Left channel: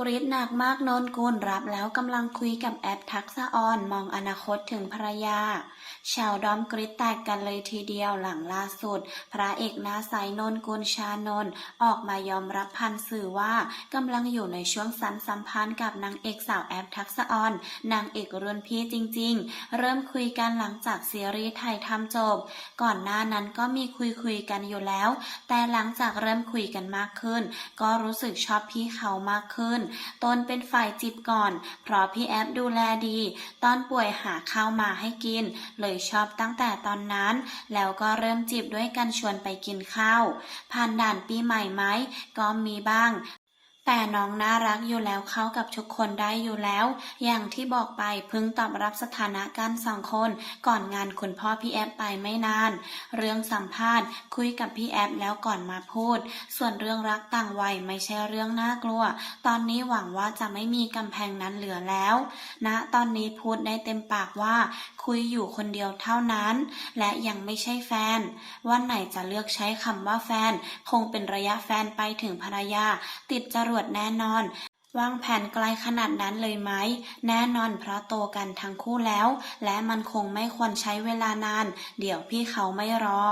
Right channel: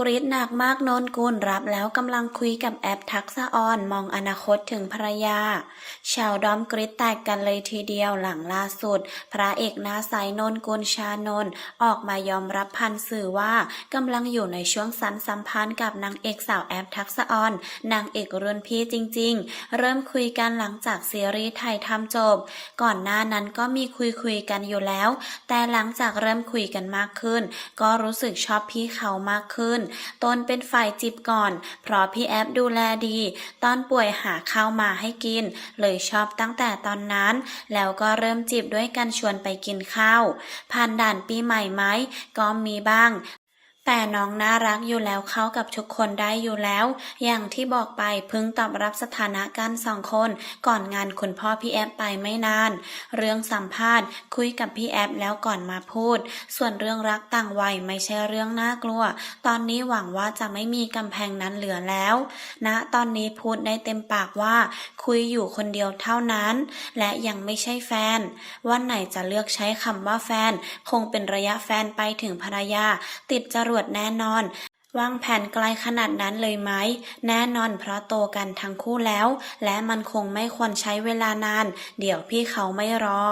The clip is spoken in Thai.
กรีดหนักมากนนกุลรับแล้วกำลังคุยกับแอปทักษะออนมองอนาคตถึงภรรยา ชาวดอมกรีดแตกกันเลยทีเดียวหลังล่าสุด พระเอกหน้าใสนนกุลชานนออกมายอมรับพันสื่อว่ากำลังอยู่ในช่วงสันสัมพันธ์กับนางเอกสาวแอปทักษะออนนางเอกรุ่นพี่จริง ๆ เริ่มคุยกันหลังจากซีรีส์ไทยทำจบ ก่อนหน้านั้นก็มีคุยคุยกันอยู่แล้ว แต่หลังจากเริ่มคุยกันมากขึ้น ก็รู้สึกชอบพี่เขามากขึ้นตนเป็นฝ่ายจิบก่อน เพราะพี่แอฟดูแลดี ตอนป่วยหาข้าวมาให้กิน เลยชอบตั้งแต่ตอนนั้น แล้วก็เริ่มจีบด้วยกันชวนไปกินข้าว ผ่านด่านปีใหม่ไหมก็มีบ้าง แต่น้องน่ารักอยู่แล้วเข้ากับทุกคนได้อยู่แล้ว อย่างที่บอกไปพิ่งตอบรับสถานะกันสองคน ก่อนงานคุณพ่อพี่แอฟไปไม่นาน เรื่องสัมภาษณ์ คุยกับพี่แอฟแล้วก่อนมาพูด ส่วนเรื่องรักต่างวัยไม่ใช่เรื่องน่ากลัว ตอนนี้หวังว่าจะไม่มีกำแพงนั้นเหลือแล้วณนะตอนนี้พูดได้เต็มปากว่า คุยอยู่คนเดียวเท่านั้น และยังไม่ใช่แฟน วันไหนจะเลือกใช้คำว่าแฟน คงเป็นระยะแฟนไปถึงภรรยา ติดจรวจแน่นอนวางแผนไกลขนาดนั้นเลยไหม แน่นอนเพราะโตกันทั้งคู่แล้ว และมันคงไม่ควรใช้เวลานาน เดี๋ยวพี่เขาไม่รอ